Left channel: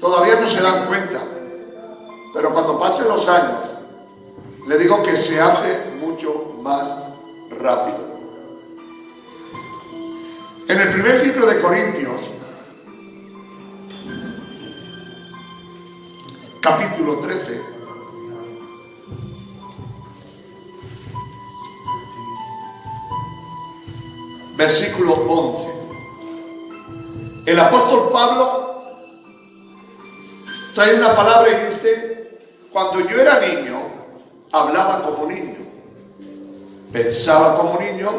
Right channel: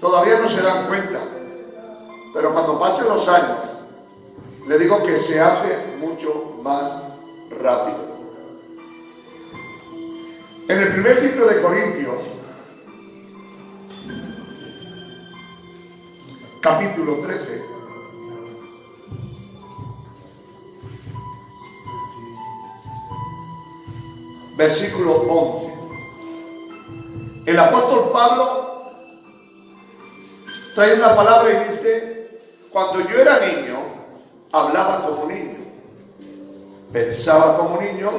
todavía no se dan cuenta, pero cuando pasen los años, le digo que se hace mucho más rápido. En el primer libro de Corintios, capítulo 13, versículo 11, el apóstol Pablo trae una palabra y dice: cuando yo era niño, hablaba como niño, pensaba como niño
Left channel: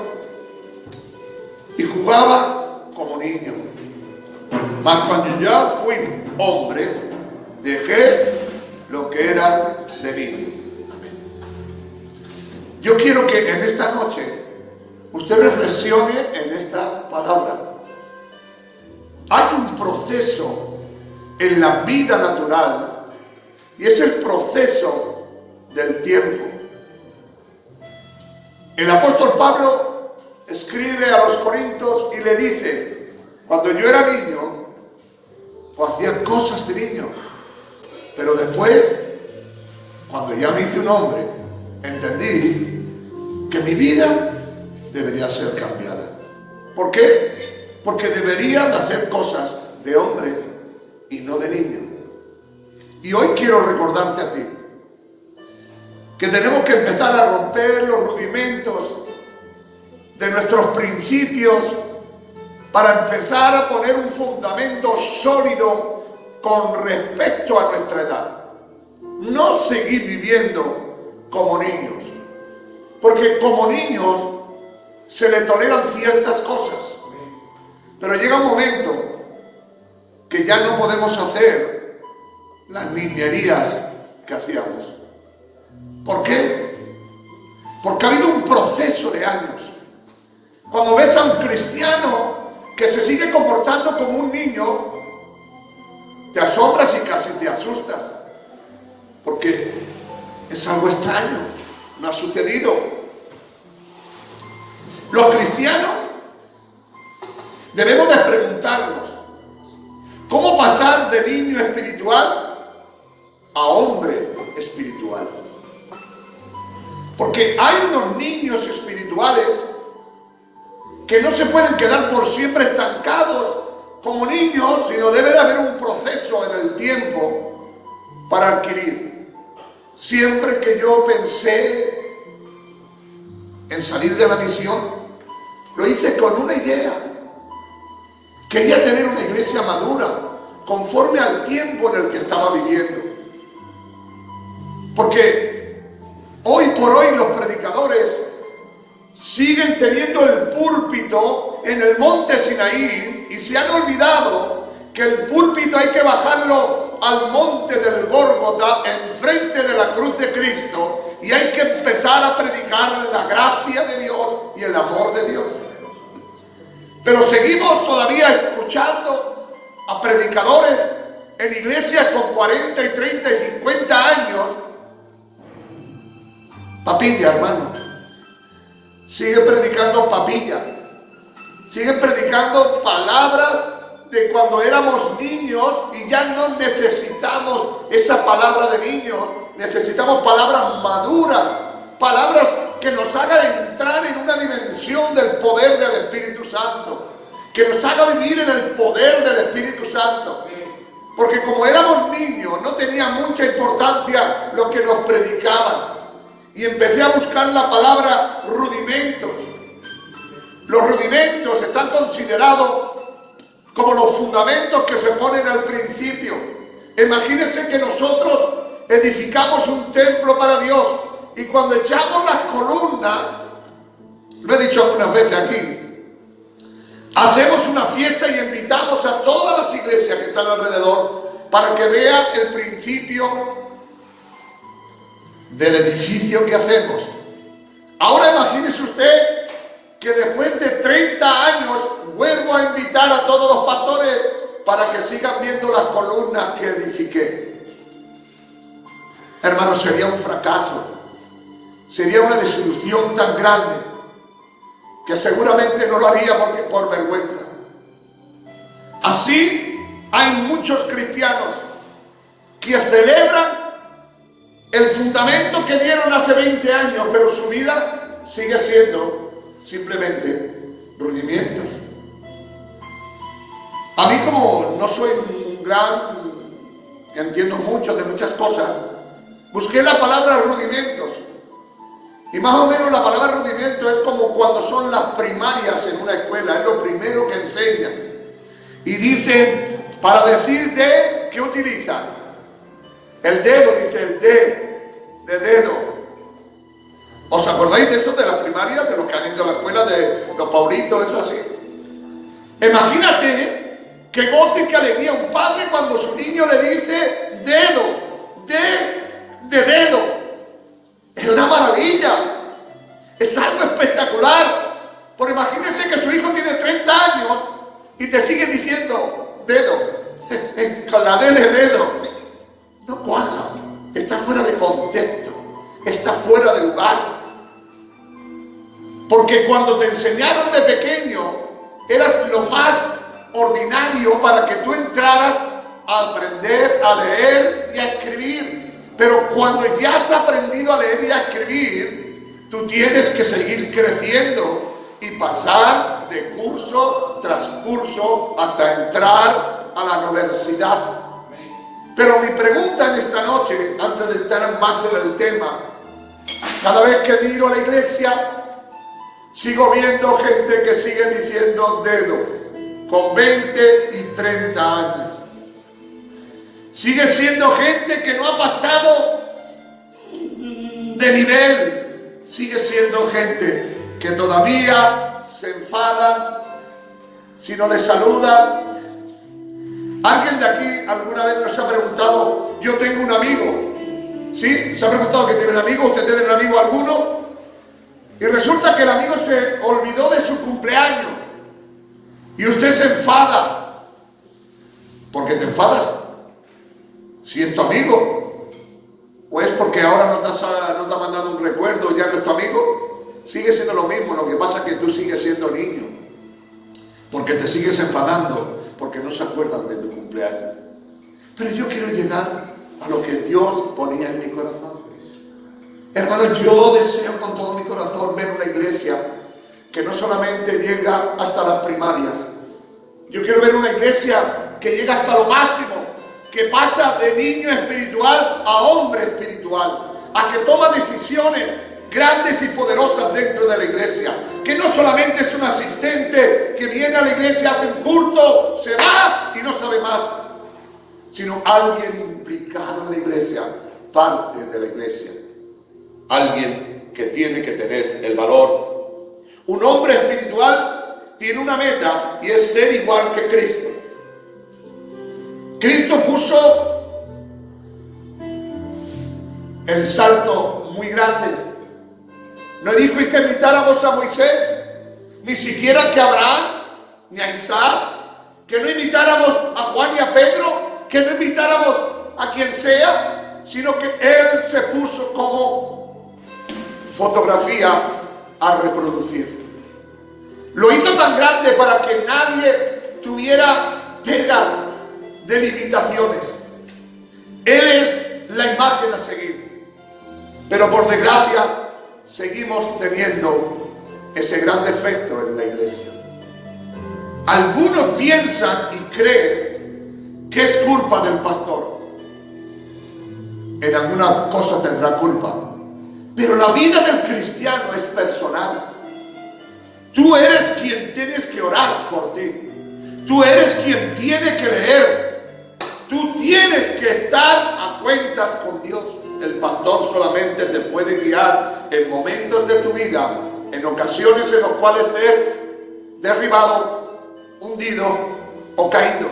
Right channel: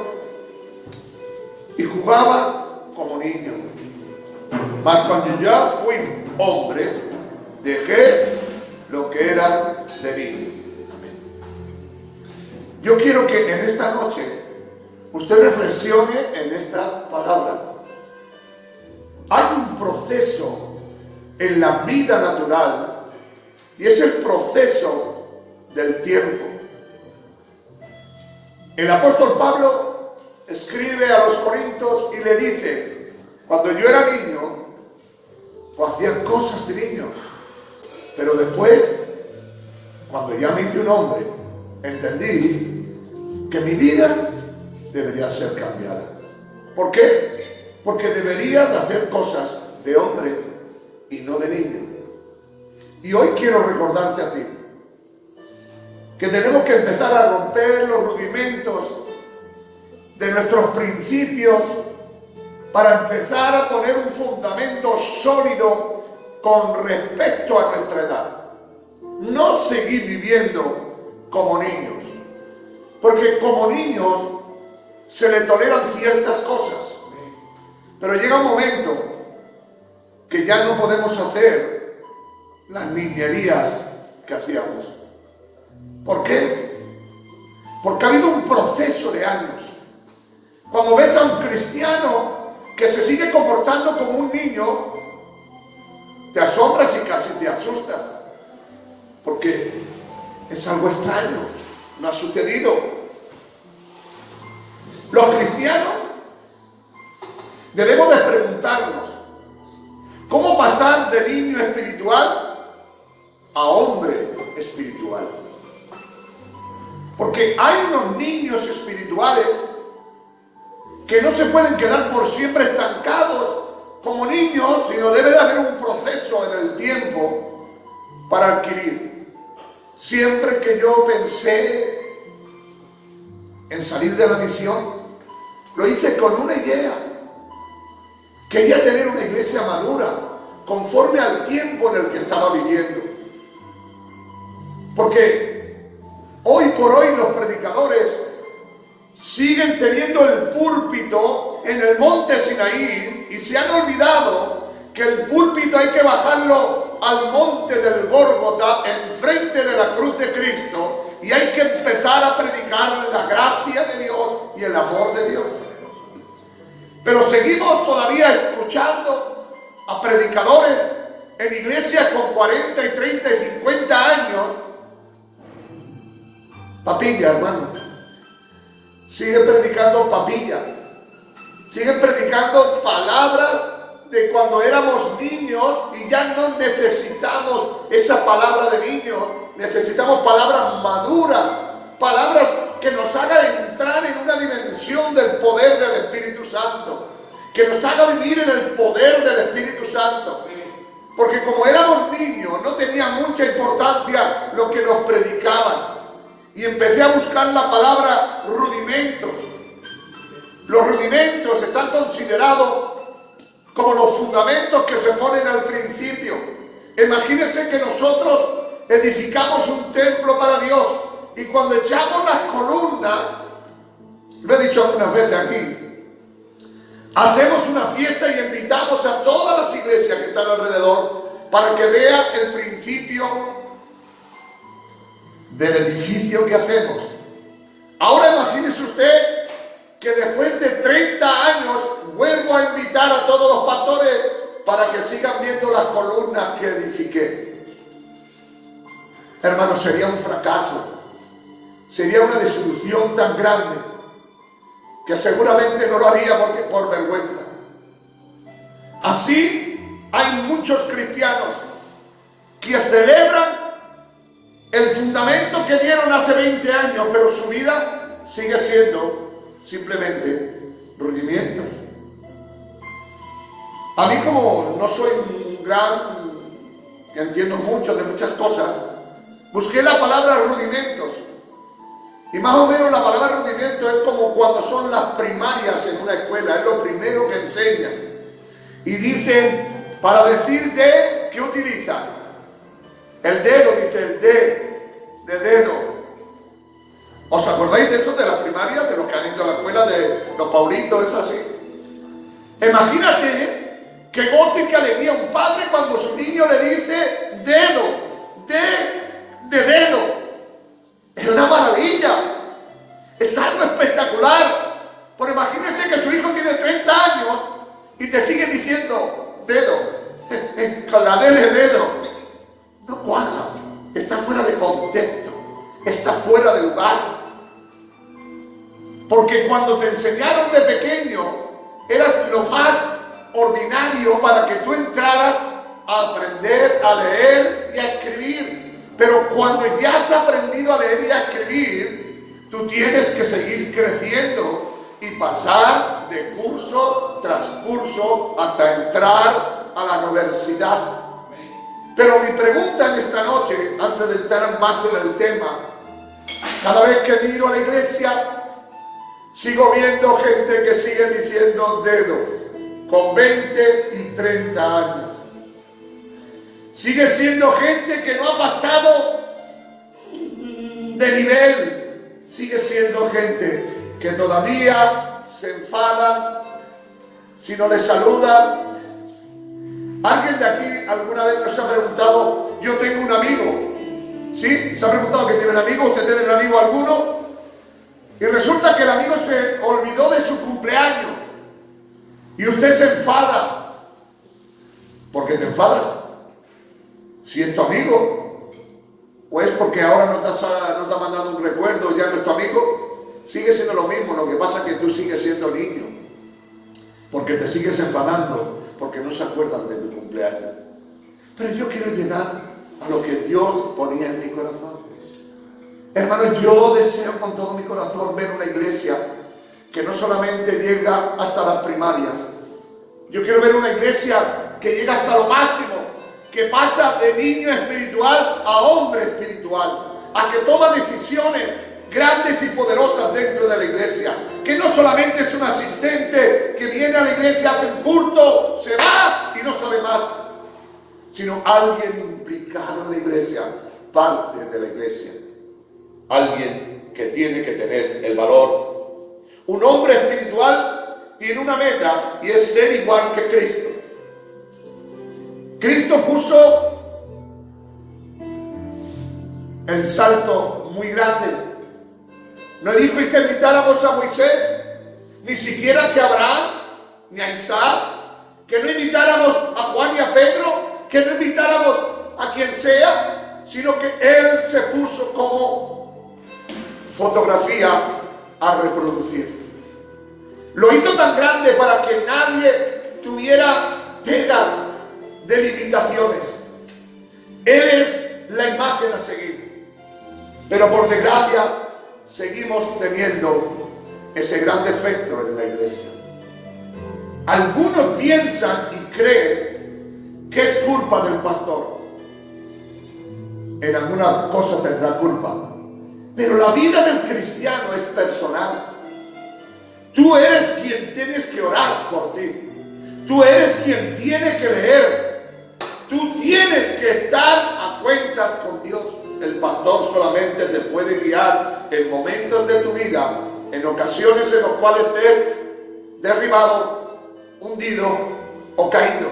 y jugaba como niño. Mas cuando ya fui hombre, dejé lo que era de niño. Yo quiero que en esta noche usted reflexione en esta palabra. Hay un proceso en la vida natural y es el proceso del tiempo. El apóstol Pablo escribe a los Corintios y le dice: cuando yo era niño, pues hacía cosas de niño, pero después, cuando ya me hice un hombre, entendí que mi vida debería ser cambiada. ¿Por qué? Porque debería de hacer cosas de hombre y no de niño. Y hoy quiero recordarte a ti que tenemos que empezar a romper los rudimentos de nuestros principios para empezar a poner un fundamento sólido con respecto a nuestra edad. No seguir viviendo como niños, porque como niños se le toleran ciertas cosas, pero llega un momento que ya no podemos hacer las niñerías que hacíamos. ¿Por qué? Porque ha habido un proceso de años. Cuando ves a un cristiano que se sigue comportando como un niño, te asombras y casi te asustas, porque es algo extraño, no ha sucedido. Los cristianos debemos de preguntarnos: ¿cómo pasar de niño espiritual a hombre espiritual? Porque hay unos niños espirituales que no se pueden quedar por siempre estancados como niños, sino debe de haber un proceso en el tiempo para adquirir. Siempre que yo pensé en salir de la misión, lo hice con una idea. Quería tener una iglesia madura, conforme al tiempo en el que estaba viviendo. Porque hoy por hoy los predicadores siguen teniendo el púlpito en el monte Sinaí y se han olvidado que el púlpito hay que bajarlo al monte del Gólgota, enfrente de la cruz de Cristo, y hay que empezar a predicar la gracia de Dios y el amor de Dios. Pero seguimos todavía escuchando a predicadores en iglesias con 40 y 30 y 50 años. Papilla, hermano. Sigue predicando papilla. Sigue predicando palabras de cuando éramos niños y ya no necesitamos esa palabra de niños. Necesitamos palabras maduras, palabras que nos hagan entrar en una dimensión del poder del Espíritu Santo, que nos haga vivir en el poder del Espíritu Santo. Porque como éramos niños, no tenía mucha importancia lo que nos predicaban. Y empecé a buscar la palabra rudimentos. Los rudimentos están considerados como los fundamentos que se ponen al principio. Imagínense que nosotros edificamos un templo para Dios y cuando echamos las columnas, lo he dicho algunas veces aquí, hacemos una fiesta y invitamos a todas las iglesias que están alrededor para que vean el principio del edificio que hacemos. Ahora imagínese usted que después de 30 años vuelvo a invitar a todos los pastores para que sigan viendo las columnas que edifiqué. Hermanos, sería un fracaso, sería una desilusión tan grande que seguramente no lo haría por vergüenza. Así hay muchos cristianos que celebran el fundamento que dieron hace 20 años, pero su vida sigue siendo simplemente rudimientos. A mí, como no soy un gran, que entiendo mucho de muchas cosas, busqué la palabra rudimentos. Y más o menos la palabra rudimento es como cuando son las primarias en una escuela, es lo primero que enseñan. Y dicen, para decir de, ¿qué utilizan? El dedo, dice el de dedo. ¿Os acordáis de eso de las primarias, de los que han ido a la escuela, de los Paulitos, eso así? Imagínate qué gozo y qué alegría un padre cuando su niño le dice dedo, de dedo. Es una maravilla, es algo espectacular. Pero imagínense que su hijo tiene 30 años y te sigue diciendo dedo, con la D de dedo. No cuadra, está fuera de contexto, está fuera de lugar. Porque cuando te enseñaron de pequeño, eras lo más ordinario para que tú entraras a aprender a leer y a escribir. Pero cuando ya has aprendido a leer y a escribir, tú tienes que seguir creciendo y pasar de curso tras curso hasta entrar a la universidad. Pero mi pregunta en esta noche, antes de entrar más en el tema, cada vez que miro a la iglesia, sigo viendo gente que sigue diciendo dedo, con 20 y 30 años. Sigue siendo gente que no ha pasado de nivel. Sigue siendo gente que todavía se enfada si no le saludan. ¿Alguien de aquí alguna vez nos ha preguntado, yo tengo un amigo? ¿Sí? ¿Se ha preguntado que tiene un amigo? ¿Usted tiene un amigo alguno? Y resulta que el amigo se olvidó de su cumpleaños. Y usted se enfada. ¿Por qué te enfadas? Si es tu amigo. ¿O es porque ahora no te ha mandado un recuerdo, ya no es tu amigo? Sigue siendo lo mismo, lo que pasa es que tú sigues siendo niño. Porque te sigues enfadando, porque no se acuerdan de tu cumpleaños. Pero yo quiero llegar a lo que Dios ponía en mi corazón. Hermano, yo deseo con todo mi corazón ver una iglesia que no solamente llega hasta las primarias. Yo quiero ver una iglesia que llega hasta lo máximo, que pasa de niño espiritual a hombre espiritual, a que toma decisiones grandes y poderosas dentro de la iglesia, que no solamente es un asistente que viene a la iglesia, hace un culto, se va y no sabe más, sino alguien implicado en la iglesia, parte de la iglesia, alguien que tiene que tener el valor. Un hombre espiritual tiene una meta y es ser igual que Cristo. Cristo puso el salto muy grande. No dijo que invitáramos a Moisés, ni siquiera que a Abraham, ni a Isaac, que no invitáramos a Juan y a Pedro, que no invitáramos a quien sea, sino que Él se puso como fotografía a reproducir. Lo hizo tan grande para que nadie tuviera pegas de limitaciones. Él es la imagen a seguir. Pero por desgracia, seguimos teniendo ese gran defecto en la iglesia. Algunos piensan y creen que es culpa del pastor. En alguna cosa tendrá culpa. Pero la vida del cristiano es personal. Tú eres quien tienes que orar por ti. Tú eres quien tiene que leer. Tú tienes que estar a cuentas con Dios. El pastor solamente te puede guiar en momentos de tu vida, en ocasiones en los cuales estés derribado, hundido o caído.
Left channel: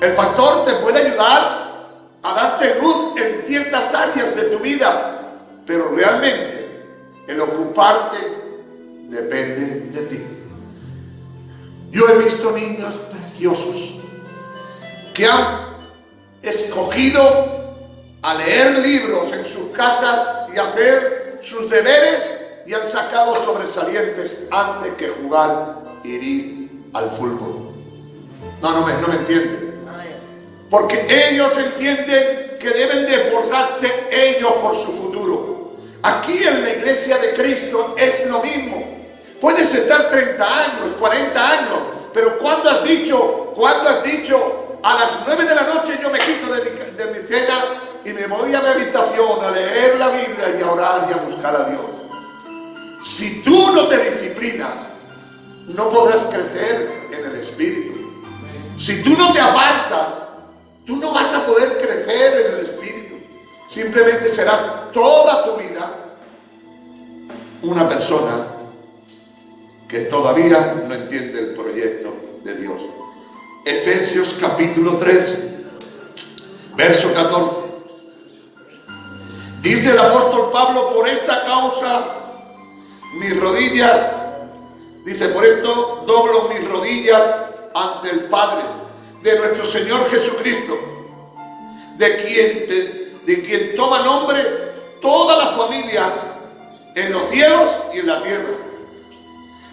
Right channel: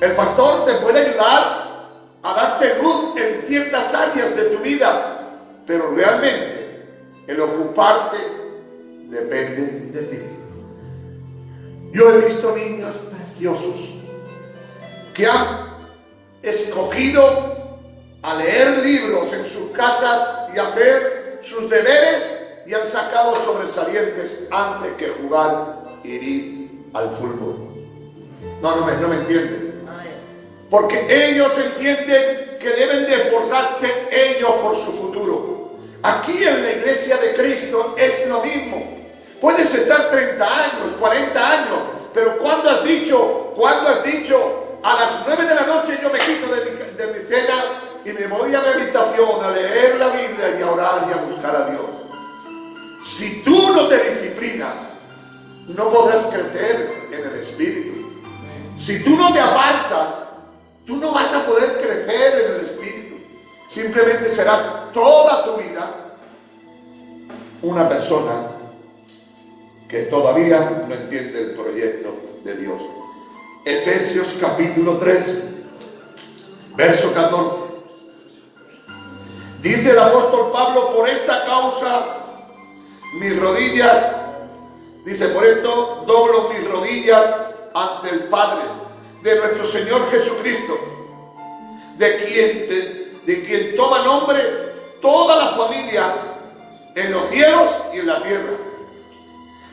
El pastor te puede ayudar a darte luz en ciertas áreas de tu vida, pero realmente el ocuparte depende de ti. Yo he visto niños preciosos que han escogido a leer libros en sus casas y hacer sus deberes y han sacado sobresalientes antes que jugar y ir al fútbol. No me entienden. porque ellos entienden que deben de esforzarse ellos por su futuro. Aquí en la iglesia de Cristo es lo mismo. Puedes estar 30 años, 40 años, pero ¿cuándo has dicho, a las 9 de la noche yo me quito de mi cena y me voy a mi habitación a leer la Biblia y a orar y a buscar a Dios? Si tú no te disciplinas, no podrás crecer en el Espíritu. Si tú no te apartas, tú no vas a poder crecer en el Espíritu. Simplemente serás toda tu vida una persona que todavía no entiende el proyecto de Dios. Efesios capítulo 3, verso 14. Dice el apóstol Pablo: por esta causa mis rodillas, dice, por esto doblo mis rodillas ante el Padre de nuestro Señor Jesucristo, de quien toma nombre todas las familias en los cielos y en la tierra,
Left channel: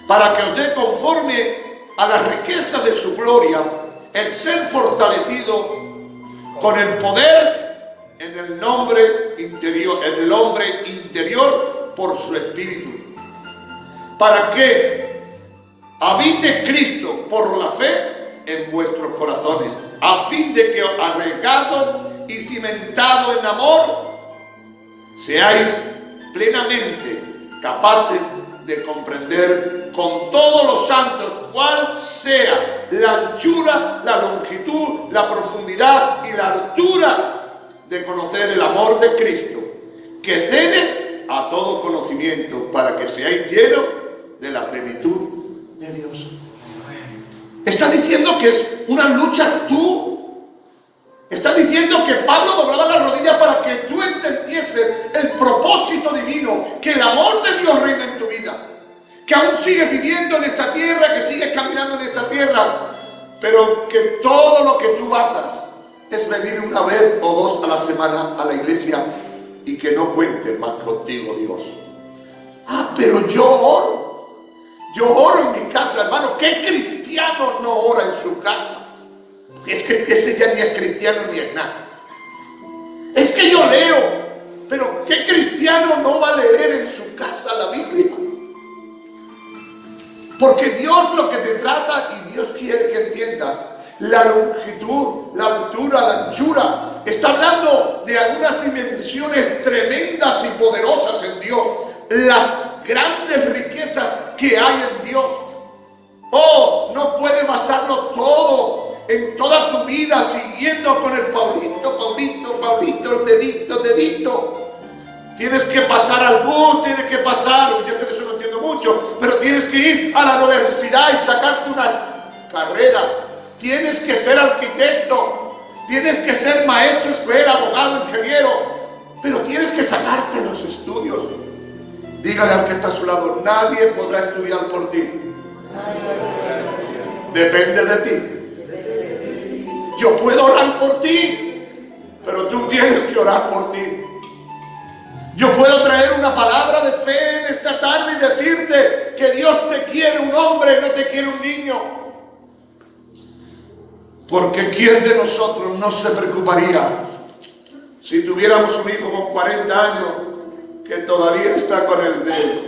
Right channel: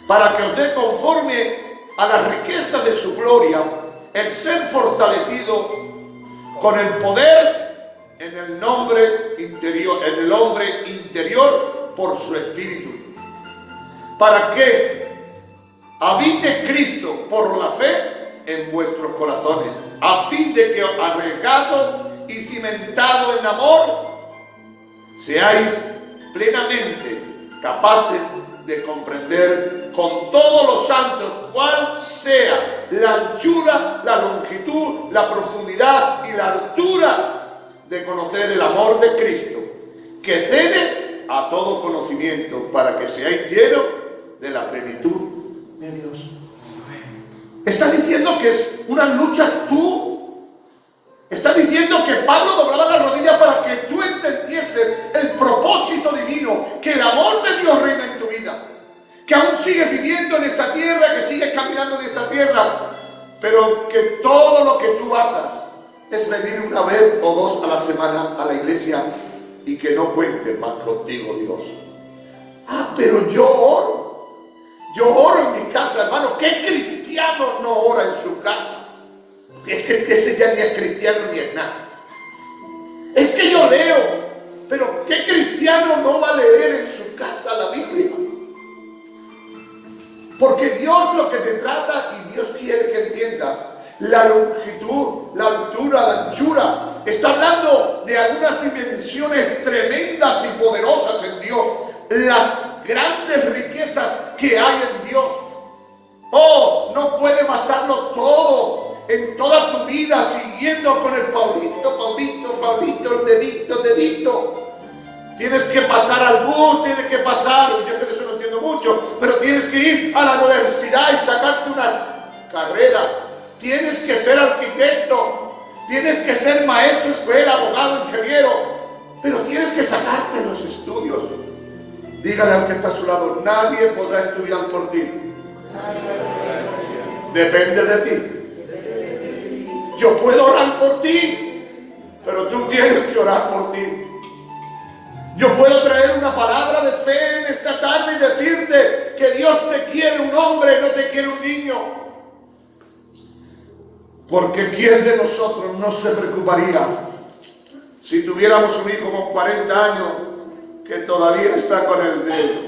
para que os dé conforme a las riquezas de su gloria el ser fortalecido con el poder en el hombre interior por su Espíritu, para que habite Cristo por la fe en vuestros corazones, a fin de que, arraigados y cimentados en amor, seáis plenamente capaces de comprender con todos los santos cuál sea la anchura, la longitud, la profundidad y la altura, de conocer el amor de Cristo, que cede a todo conocimiento, para que seáis llenos de la plenitud de Dios. Está diciendo que es una lucha tú. Está diciendo que Pablo doblaba las rodillas para que tú entendieses el propósito divino, que el amor de Dios reina en tu vida, que aún sigues viviendo en esta tierra, que sigues caminando en esta tierra, pero que todo lo que tú basas es venir una vez o dos a la semana a la iglesia y que no cuente más contigo Dios. Pero yo oro en mi casa, hermano. ¿Qué cristiano no ora en su casa? Es que ese ya ni es cristiano ni es nada. Es que yo leo, pero ¿qué cristiano no va a leer en su casa la Biblia? Porque Dios lo que te trata, y Dios quiere que entiendas, la longitud, la altura, la anchura, está hablando de algunas dimensiones tremendas y poderosas en Dios, las grandes riquezas que hay en Dios. No puedes basarlo todo en toda tu vida siguiendo con el Paulito, el dedito. Tienes que pasar al bus, tienes que pasar, yo que eso no entiendo mucho, pero tienes que ir a la universidad y sacarte una carrera. Tienes que ser arquitecto, tienes que ser maestro, escuela, abogado, ingeniero, pero tienes que sacarte los estudios. Dígale al que está a su lado: nadie podrá estudiar por ti. Depende de ti. Yo puedo orar por ti, pero tú tienes que orar por ti. Yo puedo traer una palabra de fe en esta tarde y decirte que Dios te quiere un hombre, no te quiere un niño. Porque ¿quién de nosotros no se preocuparía si tuviéramos un hijo con 40 años que todavía está con el dedo,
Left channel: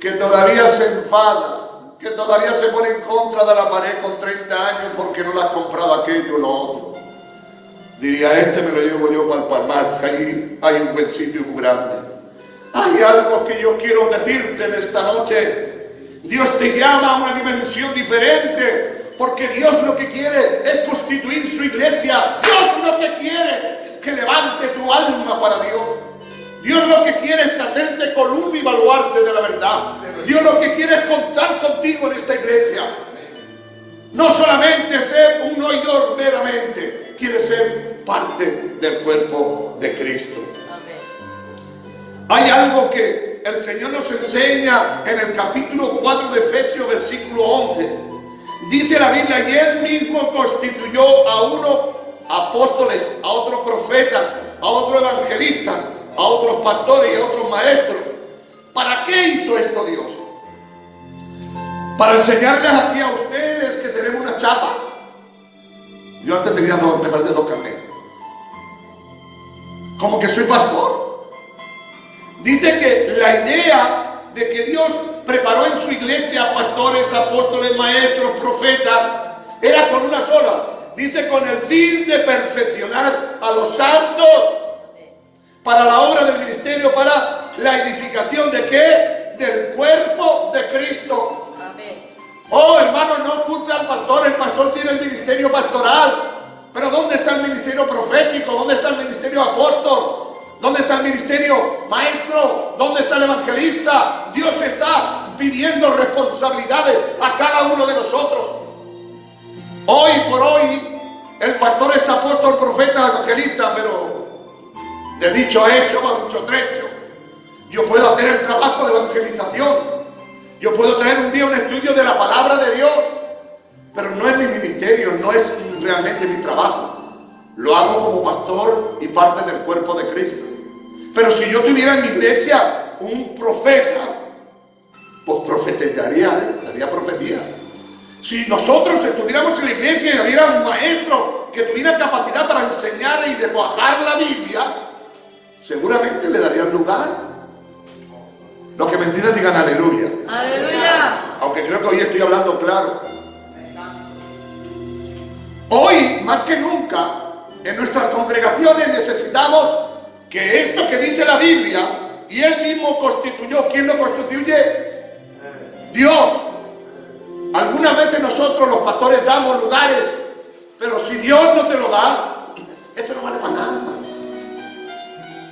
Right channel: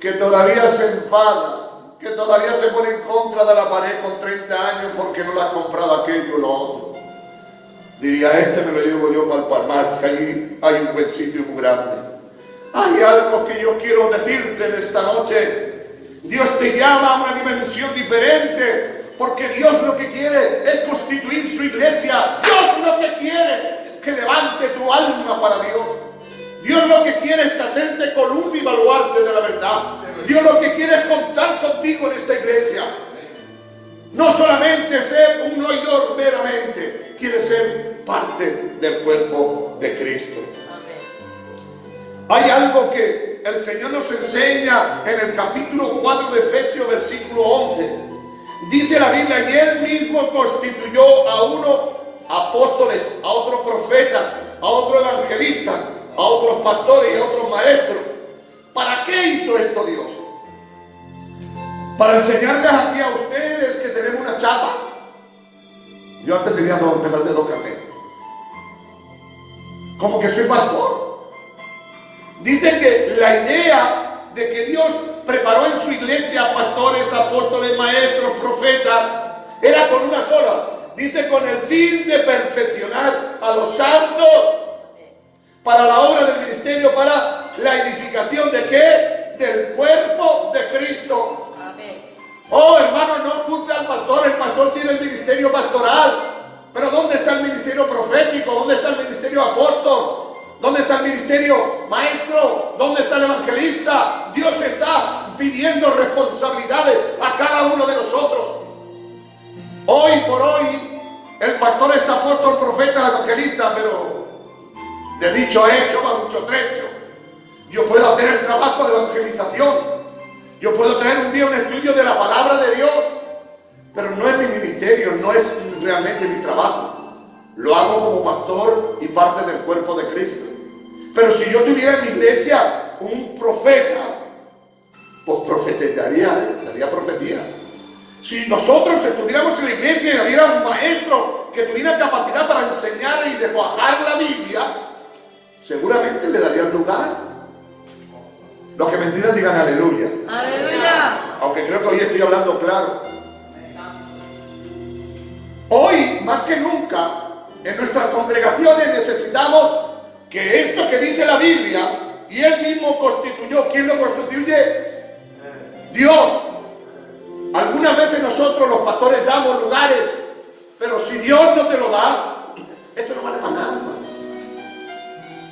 que todavía se enfada, que todavía se pone en contra de la pared con 30 años porque no le ha comprado aquello o lo otro? Diría: este me lo llevo yo para el Palmar, que allí hay un buen sitio muy grande. Hay algo que yo quiero decirte en esta noche. Dios te llama a una dimensión diferente, porque Dios lo que quiere es constituir su iglesia. Dios lo que quiere es que levante tu alma para Dios. Dios lo que quiere es hacerte columna y baluarte de la verdad. Dios lo que quiere es contar contigo en esta iglesia. No solamente ser un oidor meramente, quiere ser parte del cuerpo de Cristo. Hay algo que el Señor nos enseña en el capítulo 4 de Efesios, versículo 11. Dice la Biblia: y Él mismo constituyó a unos apóstoles, a otros profetas, a otros evangelistas, a otros pastores y a otros maestros. ¿Para qué hizo esto Dios? Para enseñarles aquí a ustedes que tenemos una chapa. Yo antes tenía me parece 2 carnets. Como que soy pastor. Dice que la idea de que Dios preparó en su iglesia pastores, apóstoles, maestros, profetas, era con una sola. Dice, con el fin de perfeccionar a los santos para la obra del ministerio, para la edificación de ¿qué? Del cuerpo de Cristo. Amén. Oh, hermano, no culpe al pastor. El pastor tiene el ministerio pastoral. Pero ¿dónde está el ministerio profético? ¿Dónde está el ministerio apóstol? ¿Dónde está el ministerio maestro? ¿Dónde está el evangelista? Dios está pidiendo responsabilidades a cada uno de nosotros. Hoy por hoy, el pastor es apóstol, profeta, evangelista, pero de dicho hecho a mucho trecho. Yo puedo hacer el trabajo de evangelización. Yo puedo tener un día un estudio de la palabra de Dios, pero no es mi ministerio, no es realmente mi trabajo. Lo hago como pastor y parte del cuerpo de Cristo. Pero si yo tuviera en mi iglesia un profeta, pues profetizaría, haría profecía. Si nosotros estuviéramos en la iglesia y hubiera un maestro que tuviera capacidad para enseñar y desguajar la Biblia, seguramente le darían lugar. Los que me entiendan digan aleluya. Aleluya. Aunque creo que hoy estoy hablando claro. Hoy, más que nunca, en nuestras congregaciones necesitamos que esto que dice la Biblia, y Él mismo constituyó, ¿quién lo constituye? Dios. Algunas veces nosotros los pastores damos lugares, pero si Dios no te lo da, esto no vale para nada.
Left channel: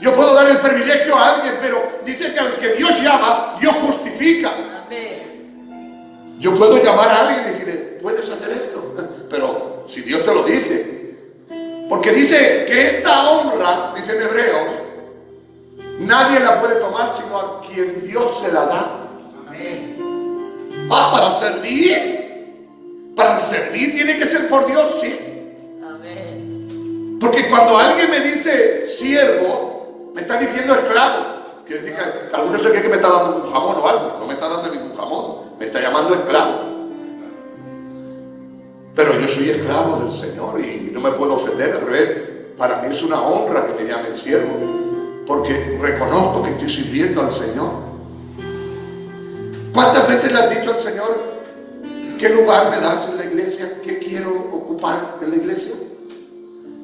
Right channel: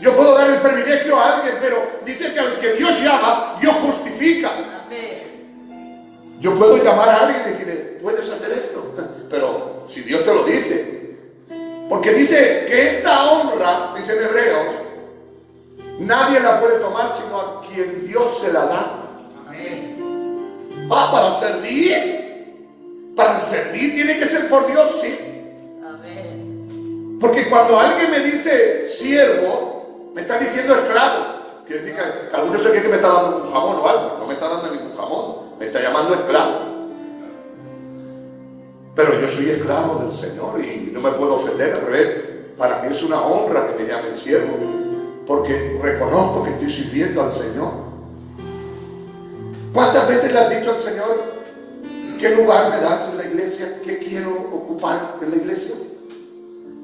Yo puedo dar el privilegio a alguien, pero dice que al que Dios llama, Dios justifica. Amén. Yo puedo llamar a alguien y decirle, puedes hacer esto, pero si Dios te lo dice. Porque dice que esta honra, dice en hebreo, nadie la puede tomar sino a quien Dios se la da. Amén. Para servir. Para servir tiene que ser por Dios, sí. Amén. Porque cuando alguien me dice siervo, me está diciendo esclavo. Quiere decir que algunos se cree que me está dando un jamón o algo. No me está dando ningún jamón. Me está llamando esclavo. Pero yo soy esclavo del Señor y no me puedo ofender. Al revés, para mí es una honra que me llamen siervo. Porque reconozco que estoy sirviendo al Señor. ¿Cuántas veces le has dicho al Señor qué lugar me das en la iglesia? ¿Qué quiero ocupar en la iglesia?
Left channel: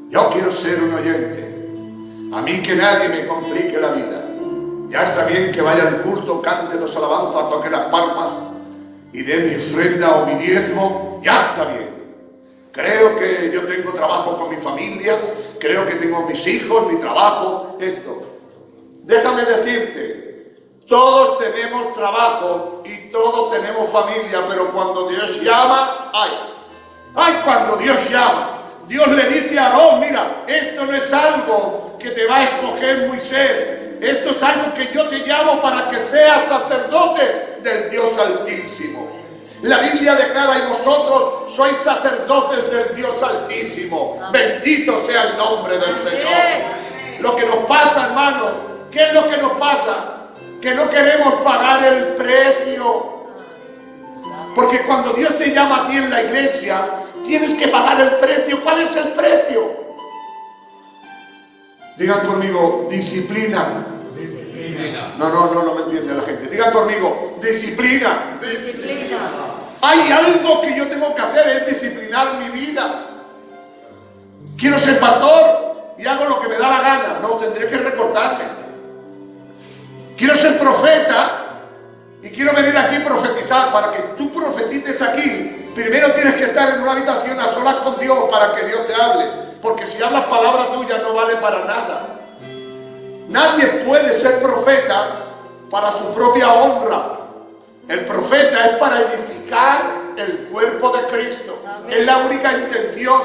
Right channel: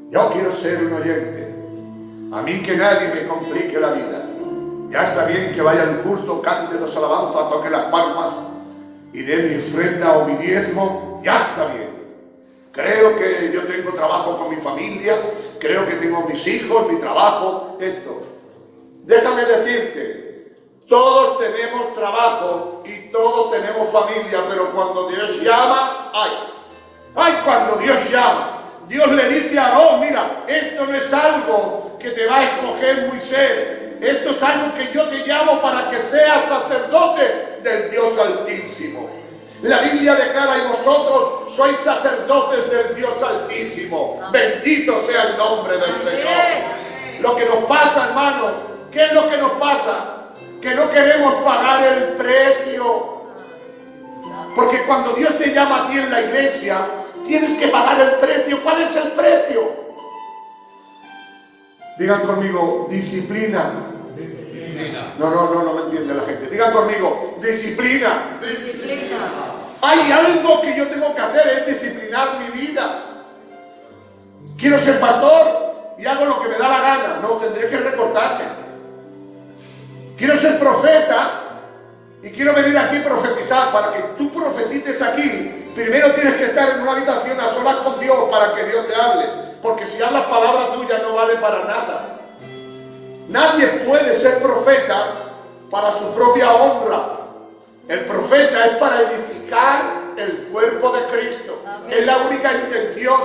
Yo quiero ser un oyente. A mí que nadie me complique la vida. Ya está bien que vaya al culto, cante los alabanzas, toque las palmas y dé mi ofrenda o mi diezmo. Ya está bien. Creo que yo tengo trabajo con mi familia. Creo que tengo mis hijos, mi trabajo, esto. Déjame decirte. Todos tenemos trabajo y todos tenemos familia, pero cuando Dios llama, cuando Dios llama, Dios le dice a Aarón, mira, esto no es algo que te va a escoger Moisés, esto es algo que yo te llamo para que seas sacerdote del Dios Altísimo. La Biblia declara, y vosotros sois sacerdotes del Dios Altísimo. Bendito sea el nombre del Señor. Lo que nos pasa, hermano, ¿qué es lo que nos pasa? Que no queremos pagar el precio. Porque cuando Dios te llama a ti en la iglesia, tienes que pagar el precio. ¿Cuál es el precio? Digan conmigo, disciplina. Disciplina. No me entiende la gente. Digan conmigo, disciplina. Disciplina. Hay algo que yo tengo que hacer, es disciplinar mi vida. Quiero ser pastor y hago lo que me da la gana. No, tendré que recortarme. Quiero ser profeta y quiero venir aquí a profetizar. Para que tú profetices aquí, primero tienes que estar en una habitación a solas con Dios para que Dios te hable. Porque si hablas palabra tuya no vale para nada. Nadie puede ser profeta para su propia honra. El profeta es para edificar el cuerpo de Cristo. Amén. Es la única intención.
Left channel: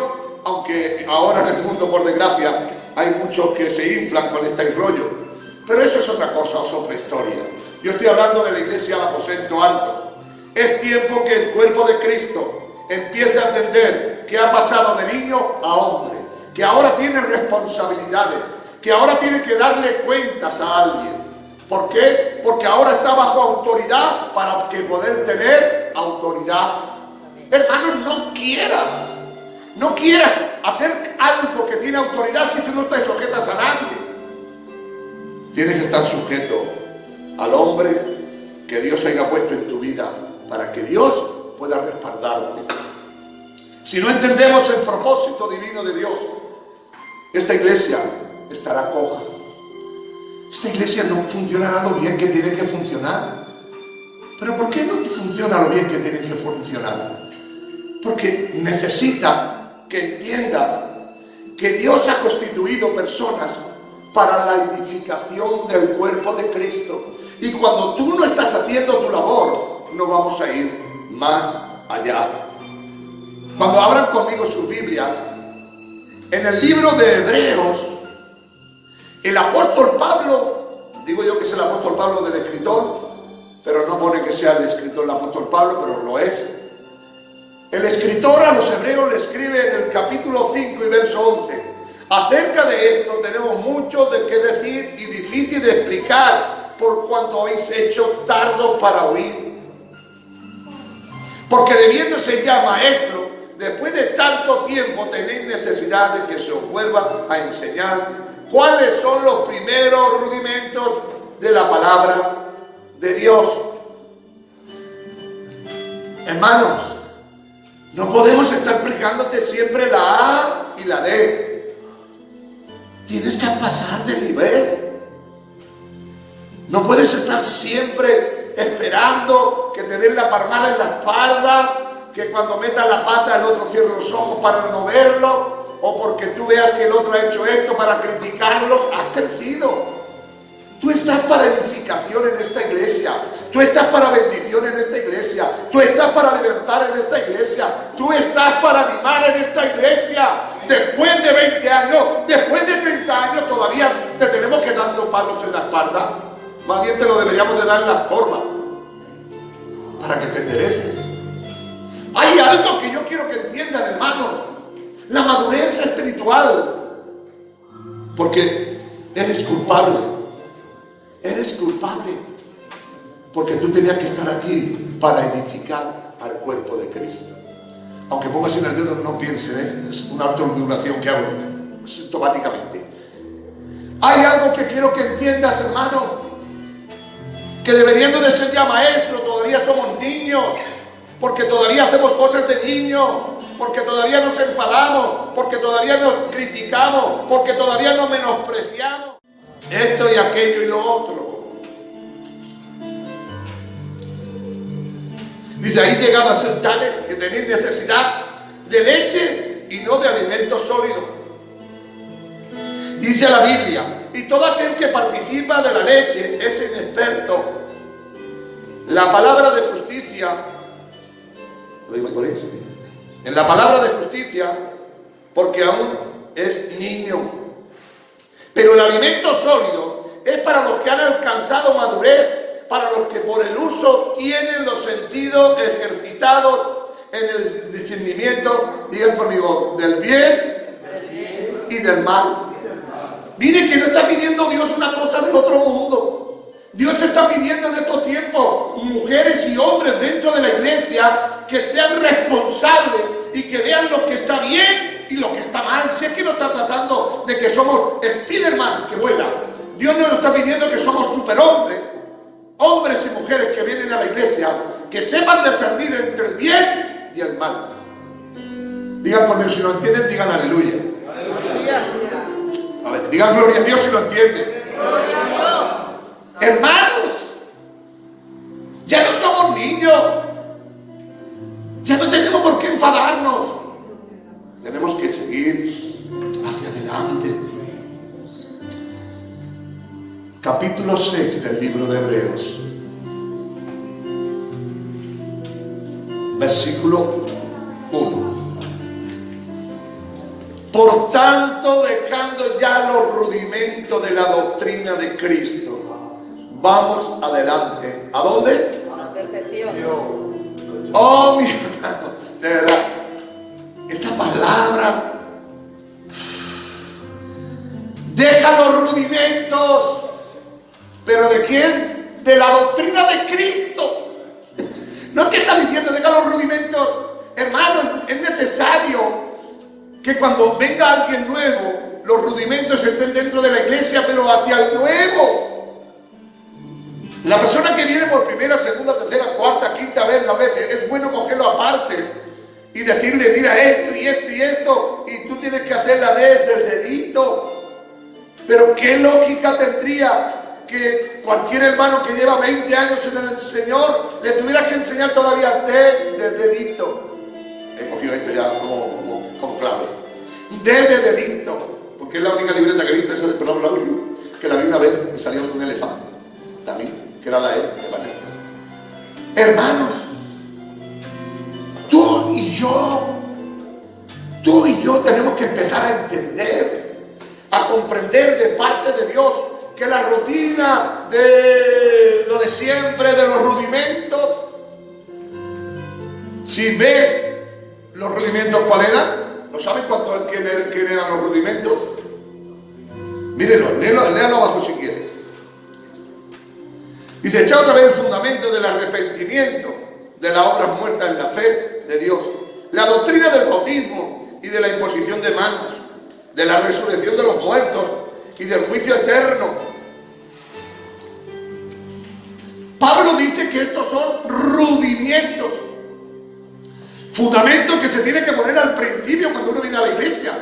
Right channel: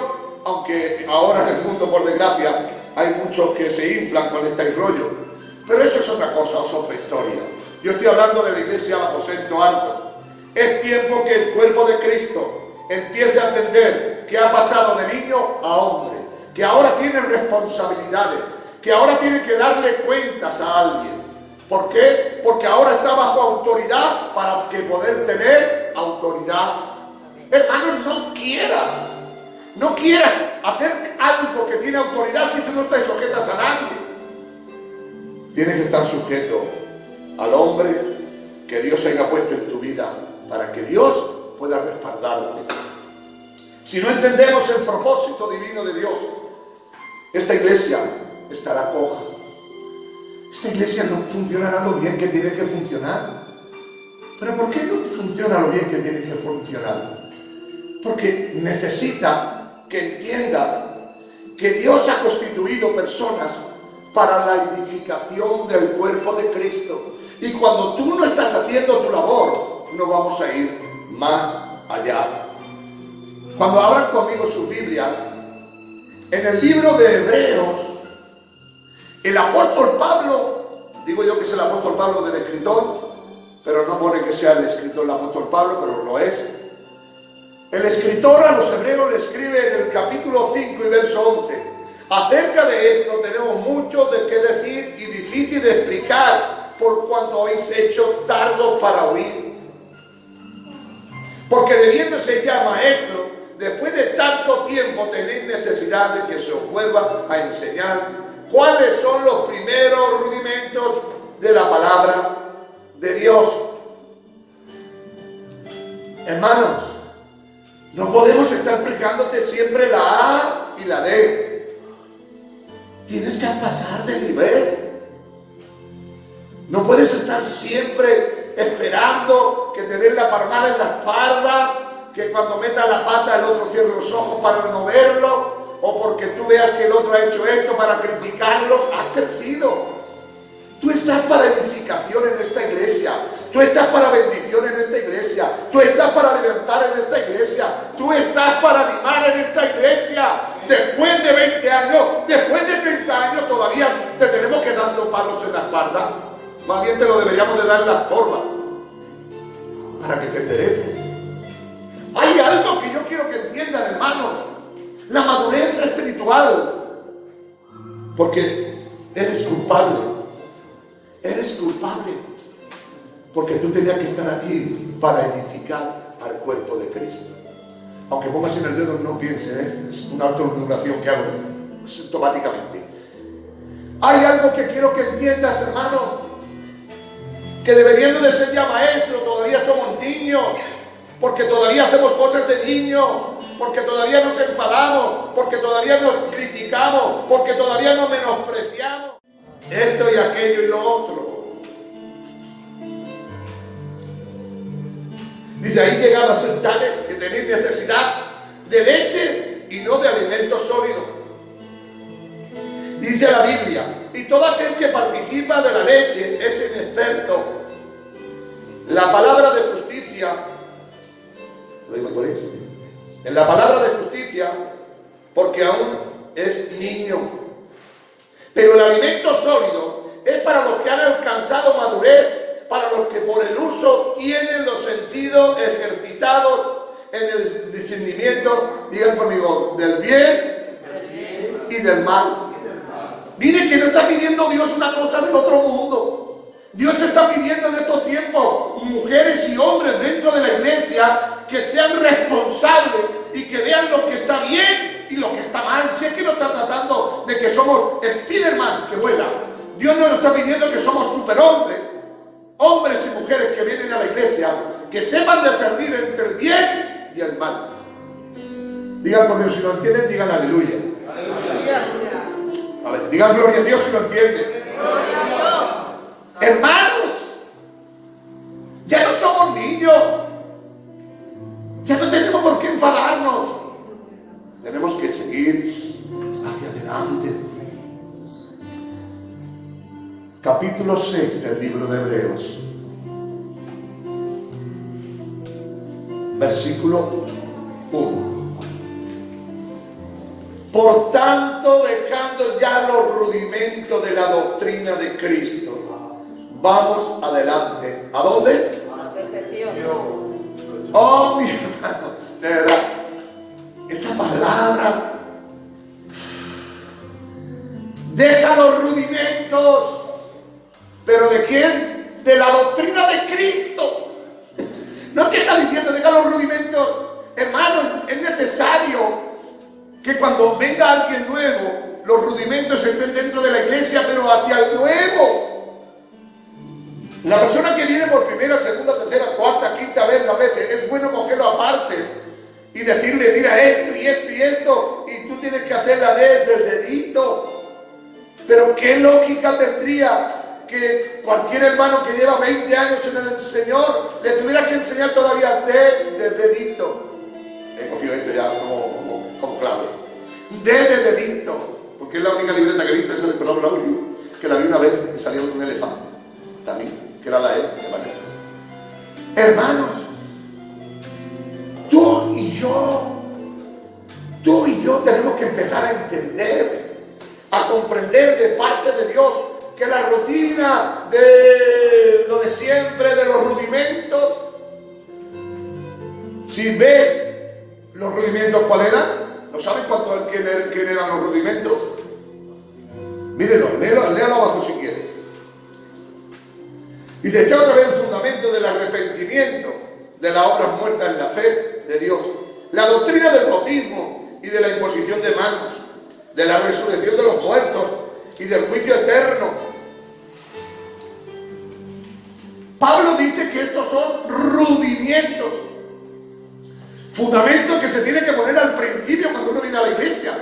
Aunque ahora en el mundo, por desgracia, hay muchos que se inflan con este rollo. Pero eso es otra cosa, es otra historia. Yo estoy hablando de la iglesia al aposento alto. Es tiempo que el cuerpo de Cristo empiece a entender que ha pasado de niño a hombre, que ahora tiene responsabilidades, que ahora tiene que darle cuentas a alguien. ¿Por qué? Porque ahora está bajo autoridad para que poder tener autoridad. Hermano, no quieras No quieras hacer algo que tiene autoridad si tú no estás sujetas a nadie. Tienes que estar sujeto al hombre que Dios haya puesto en tu vida para que Dios pueda respaldarte. Si no entendemos el propósito divino de Dios, esta iglesia estará coja. Esta iglesia no funcionará lo bien que tiene que funcionar. ¿Pero por qué no funciona lo bien que tiene que funcionar? Porque necesita que entiendas que Dios ha constituido personas para la edificación del cuerpo de Cristo. Y cuando tú no estás haciendo tu labor, no vamos a ir más allá. Cuando abran conmigo sus Biblias, en el libro de Hebreos, el apóstol Pablo, digo yo que es el apóstol Pablo del escritor, pero no pone que sea el escritor el apóstol Pablo, pero lo es. El escritor a los hebreos le escribe en el capítulo 5 y verso 11: acerca de esto tenemos mucho de qué decir y difícil de explicar, por cuanto habéis hecho tardo para oír. Porque debiéndose ya maestro, después de tanto tiempo tenéis necesidad de que se os vuelva a enseñar cuáles son los primeros rudimentos de la palabra de Dios. Hermanos, no podemos estar explicándote siempre la A y la D. Tienes que pasar de nivel. No puedes estar siempre esperando que te den la palmada en la espalda, que cuando metas la pata el otro cierre los ojos para no verlo, o porque tú veas que el otro ha hecho esto para criticarlo. Has crecido. Tú estás para edificación en esta iglesia. Tú estás para bendición en esta iglesia. Tú estás para levantar en esta iglesia. Tú estás para animar en esta iglesia. Después de 20 años, después de 30 años, todavía te tenemos que dar dos palos en la espalda. Más bien te lo deberíamos de dar en la forma para que te endereces. Hay algo que yo quiero que entiendan, hermanos: la madurez espiritual. Porque eres culpable. Eres culpable. Porque tú tenías que estar aquí para edificar al cuerpo de Cristo. Aunque pongas en el dedo, no piense, es una autoduración que hago automáticamente. Hay algo que quiero que entiendas, hermano: que deberíamos de ser ya maestros, todavía somos niños, porque todavía hacemos cosas de niños, porque todavía nos enfadamos, porque todavía nos criticamos, porque todavía nos menospreciamos. Esto y aquello y lo otro. Dice: ahí llegado a ser tales que tenéis necesidad de leche y no de alimento sólido. Dice la Biblia: y todo aquel que participa de la leche es inexperto. La palabra de justicia, lo digo por eso, en la palabra de justicia, porque aún es niño. Pero el alimento sólido es para los que han alcanzado madurez, para los que por el uso tienen los sentidos ejercitados en el discernimiento, digan conmigo, del bien y del mal. Mire que no está pidiendo Dios una cosa del otro mundo. Dios está pidiendo en estos tiempos mujeres y hombres dentro de la iglesia que sean responsables y que vean lo que está bien y lo que está mal. Si es que no está tratando de que somos Spiderman que vuela. Dios nos está pidiendo que somos superhombres, hombres y mujeres que vienen a la iglesia, que sepan discernir entre el bien y el mal. Digan conmigo, si lo entienden, digan aleluya. Aleluya. A ver, digan gloria a Dios si lo entienden. Gloria a Dios. Hermanos, ya no somos niños. Ya no tenemos por qué enfadarnos. Tenemos que seguir hacia adelante. Capítulo 6 del libro de Hebreos. Versículo 1. Por tanto, dejando ya los rudimentos de la doctrina de Cristo, vamos adelante. ¿A dónde? A la perfección. Oh, mi hermano, de verdad, esta palabra, deja los rudimentos, pero ¿de quién? De la doctrina de Cristo. No te está diciendo, deja los rudimentos, hermano, es necesario que cuando venga alguien nuevo, los rudimentos estén dentro de la iglesia, pero hacia el nuevo. La persona que viene por primera, segunda, tercera, cuarta, quinta vez, la vez, es bueno cogerlo aparte y decirle, mira esto y esto y esto, y tú tienes que hacerla desde el dedito. Pero qué lógica tendría que cualquier hermano que lleva 20 años en el Señor le tuviera que enseñar todavía de dedito. He cogido esto ya como clave. De dedito, porque es la única libreta que he visto, esa de Colón Lauro, que la vi una vez que salió un elefante, también, que era la E, que la E. Hermanos, tú y yo tenemos que empezar a entender, a comprender de parte de Dios que la rutina de lo de siempre, de los rudimentos, si ves los rudimentos cuál eran, ¿no saben quién eran los rudimentos? Mírenlo, léalo abajo si quieren. Dice, echa otra vez el fundamento del arrepentimiento, de las obras muertas en la fe de Dios, la doctrina del bautismo y de la imposición de manos, de la resurrección de los muertos y del juicio eterno. Pablo dice que estos son rudimientos, fundamentos que se tienen que poner al principio cuando uno viene a la iglesia,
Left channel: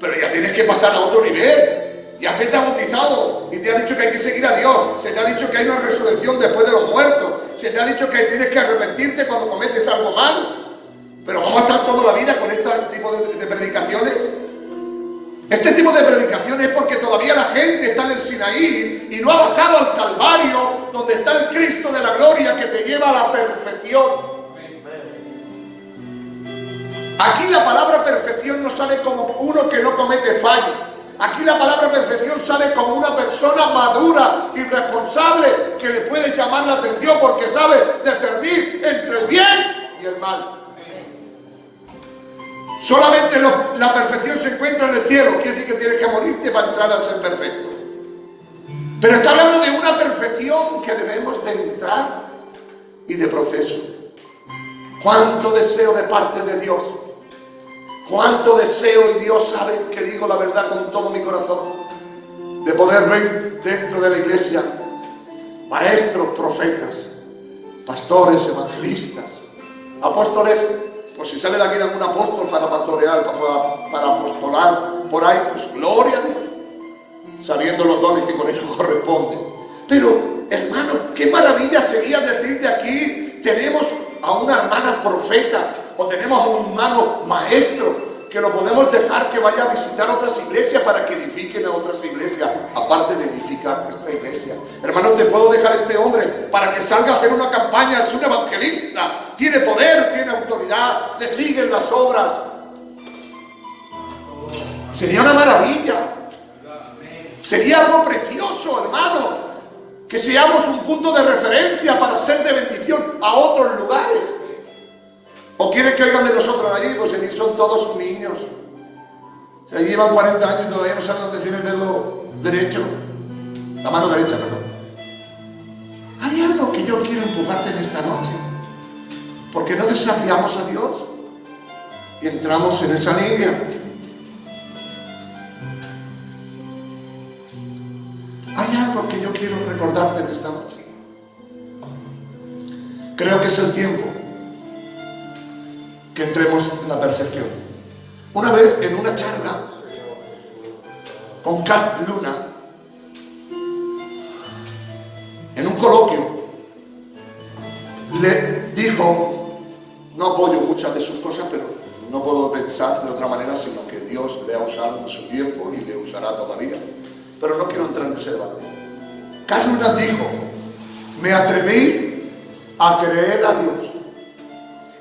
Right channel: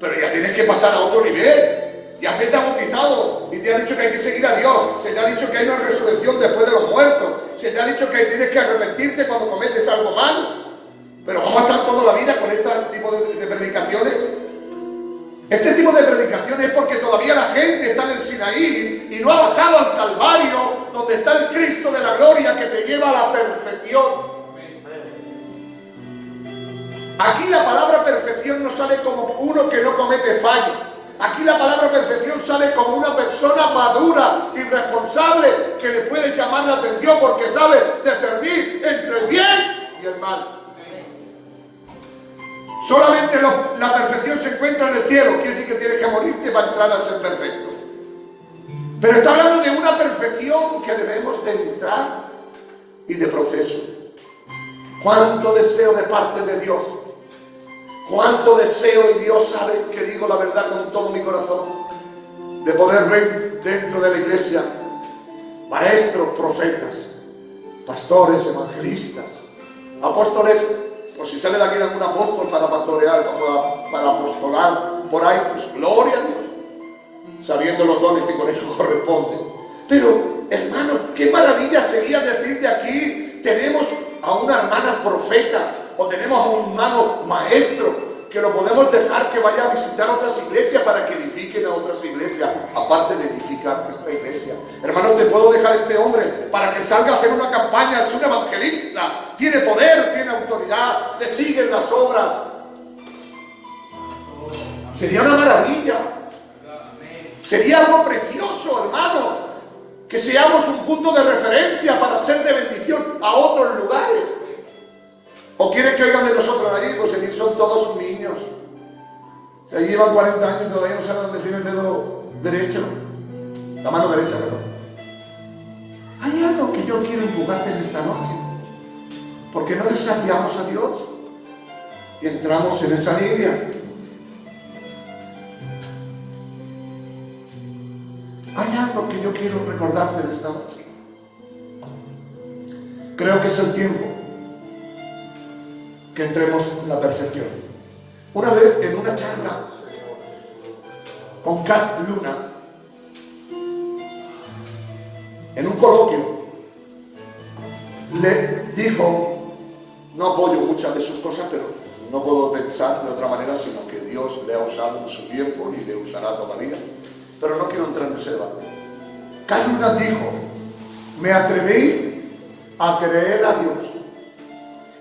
pero ya tienes que pasar a otro nivel. Ya se te ha bautizado y te ha dicho que hay que seguir a Dios, se te ha dicho que hay una resurrección después de los muertos, se te ha dicho que tienes que arrepentirte cuando cometes algo mal. Pero vamos a estar toda la vida con este tipo de predicaciones. Este tipo de predicaciones es porque todavía la gente está en el Sinaí y no ha bajado al Calvario, donde está el Cristo de la gloria que te lleva a la perfección. Aquí la palabra perfección no sale como uno que no comete fallo. Aquí la palabra perfección sale como una persona madura y responsable que le puede llamar la atención porque sabe discernir entre el bien y el mal. Solamente la perfección se encuentra en el cielo, quiere decir que tienes que morirte para entrar a ser perfecto. Pero está hablando de una perfección que debemos de entrar y de proceso. ¿Cuánto deseo de parte de Dios? ¿Cuánto deseo, y Dios sabe que digo la verdad con todo mi corazón, de poder ver dentro de la iglesia maestros, profetas, pastores, evangelistas, apóstoles? Pues si sale de aquí algún apóstol para pastorear, para apostolar por ahí, pues gloria a Dios, sabiendo los dones que con ellos corresponden. Pero, hermano, qué maravilla sería decir de aquí, tenemos a una hermana profeta, o tenemos a un hermano maestro, que lo podemos dejar que vaya a visitar otras iglesias para que edifiquen a otras iglesias, aparte de edificar nuestra iglesia. Hermano, te puedo dejar a este hombre para que salga a hacer una campaña, es un evangelista, tiene poder, tiene autoridad, le siguen las obras. Sería una maravilla, sería algo precioso, hermano, que seamos un punto de referencia para ser de bendición a otros lugares. ¿O quieren que oigan de nosotros allí? Pues allí son todos niños. Allí llevan 40 años y todavía no saben dónde tiene el dedo derecho. La mano derecha, perdón. Hay algo que yo quiero empujarte en esta noche. Porque no desafiamos a Dios y entramos en esa línea. Hay algo que yo quiero recordarte en esta noche. Creo que es el tiempo que entremos en la perfección. Una vez en una charla con Cass Luna, en un coloquio, le dijo, no apoyo muchas de sus cosas, pero no puedo pensar de otra manera, sino que Dios le ha usado en su tiempo y le usará todavía. Pero no quiero entrar en ese debate. Cass Luna dijo, me atreví a creer a Dios.